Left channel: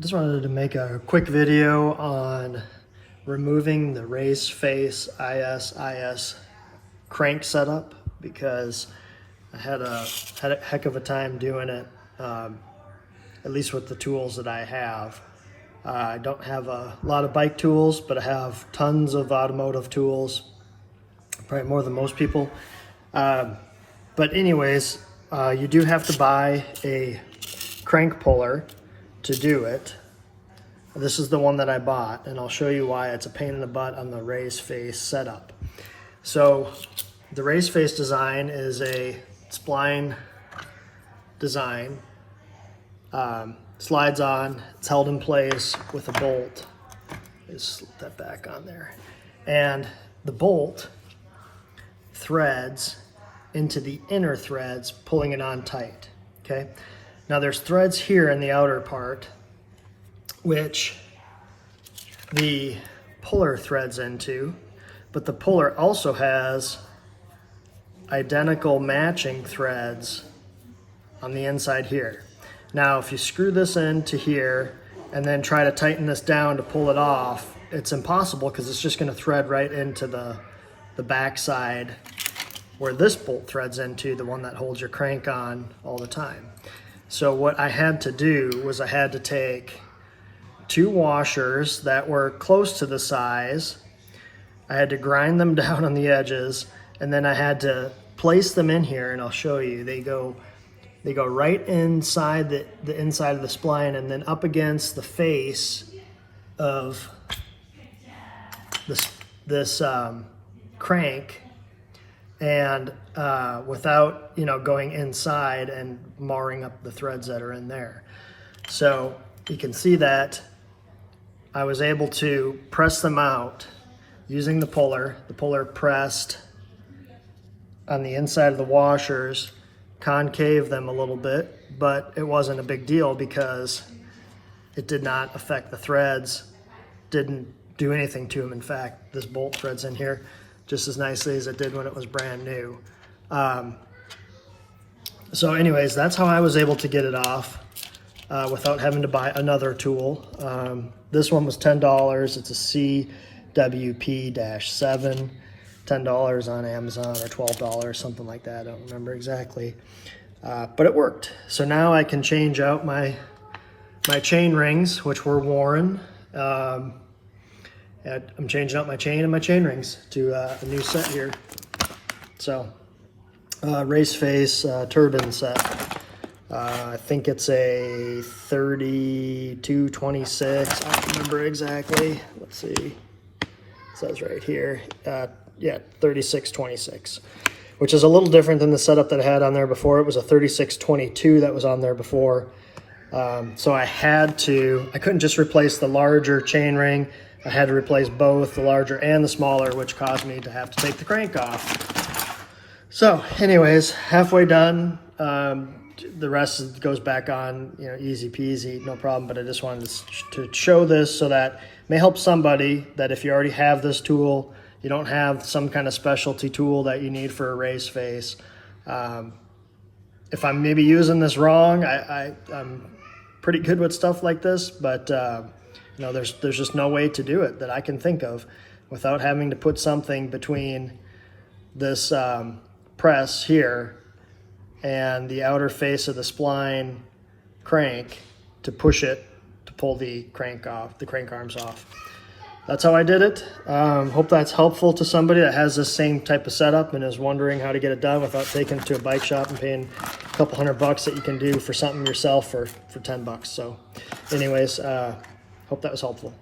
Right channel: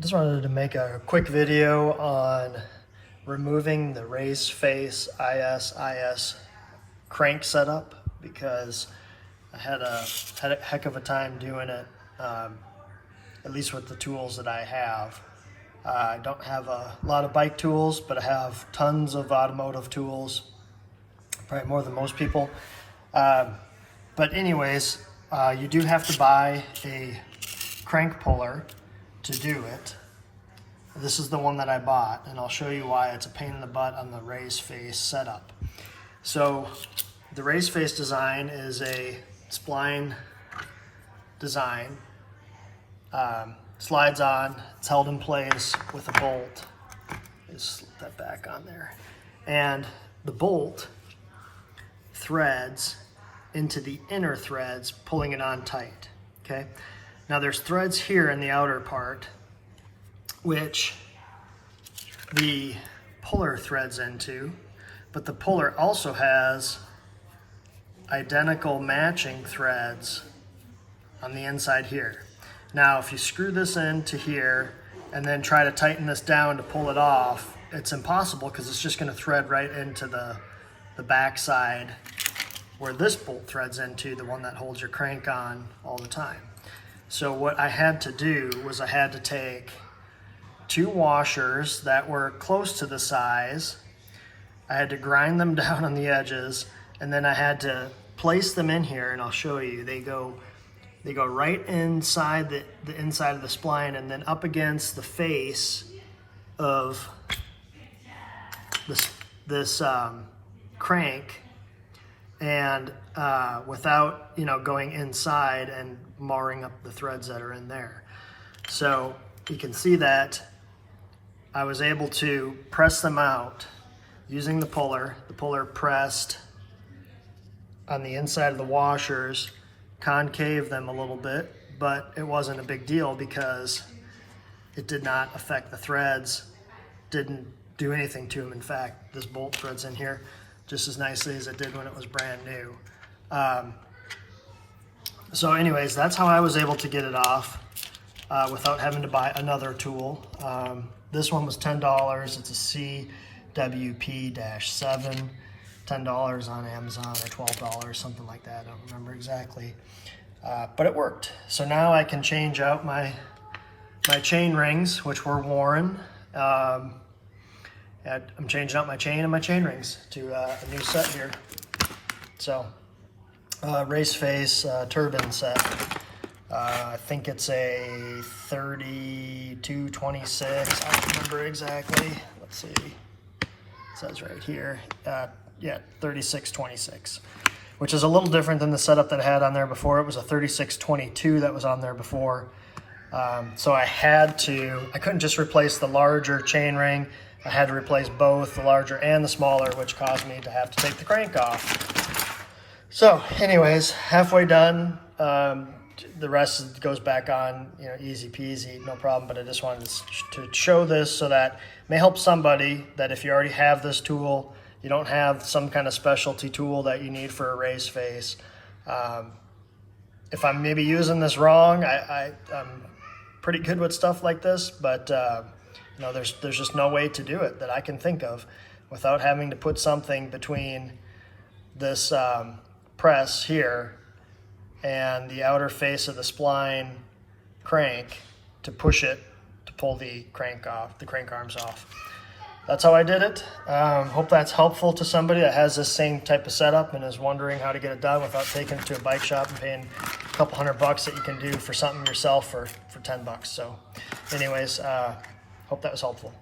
I just wanted to make a quick video on removing the RaceFace IS crank setup because I had a heck of a time doing it, at least with the tools that I have. I don't have a lot of bike tools, but I have tons of automotive tools, probably more than most people. But anyways, you do have to buy a crank puller to do it. This is the one that I bought, and I'll show you why it's a pain in the butt on the RaceFace setup. So the RaceFace design is a spline design. Slides on, it's held in place with a bolt. Just slip that back on there. And the bolt threads into the inner threads, pulling it on tight, okay? Now there's threads here in the outer part, which the puller threads into, but the puller also has identical matching threads on the inside here. Now, if you screw this into here and then try to tighten this down to pull it off, it's impossible because it's just gonna thread right into the back side where this bolt threads into, the one that holds your crank on all the time. So what I had to do was I had to take two washers that were close to the size. I had to grind them down on the edges, and then I had to place them in here, and I'll show you. They go right inside the inside of the spline and then up against the face of this crank, and without going inside and marring up the threads that are in there. So you can see that I was able to press them out using the puller. The puller pressed on the inside of the washers, concave them a little bit, but it wasn't a big deal because it did not affect the threads, didn't do anything to them. In fact, this bolt threads in here just as nicely as it did when it was brand new. So anyways, that's how I was able to get it off without having to buy another tool. This one was $10. It's a CWP-7, $10 on Amazon or $12, something like that. I don't remember exactly, but it worked. So now I can change out my chain rings, which were worn. I'm changing out my chain and my chain rings to a new set here. So RaceFace turbine set. I think it's a 3226. I don't remember exactly. Let's see. It says right here. Yeah, 3626, which is a little different than the setup that I had on there before. It was a 3622 that was on there before. So I couldn't just replace the larger chain ring. I had to replace both the larger and the smaller, which caused me to have to take the crank off. So anyways, halfway done. The rest goes back on, easy peasy, no problem. But I just wanted to show this so that it may help somebody that if you already have this tool, you don't have some kind of specialty tool that you need for a RaceFace. If I'm maybe using this wrong, I'm pretty good with stuff like this, but there's just no way to do it that I can think of without having to put something between this press here and the outer face of the spline crank to push it, to pull the crank arms off. That's how I did it. Hope that's helpful to somebody that has this same type of setup and is wondering how to get it done without taking it to a bike shop and paying a couple $100 that you can do for something yourself for $10. So anyways, hope that was helpful.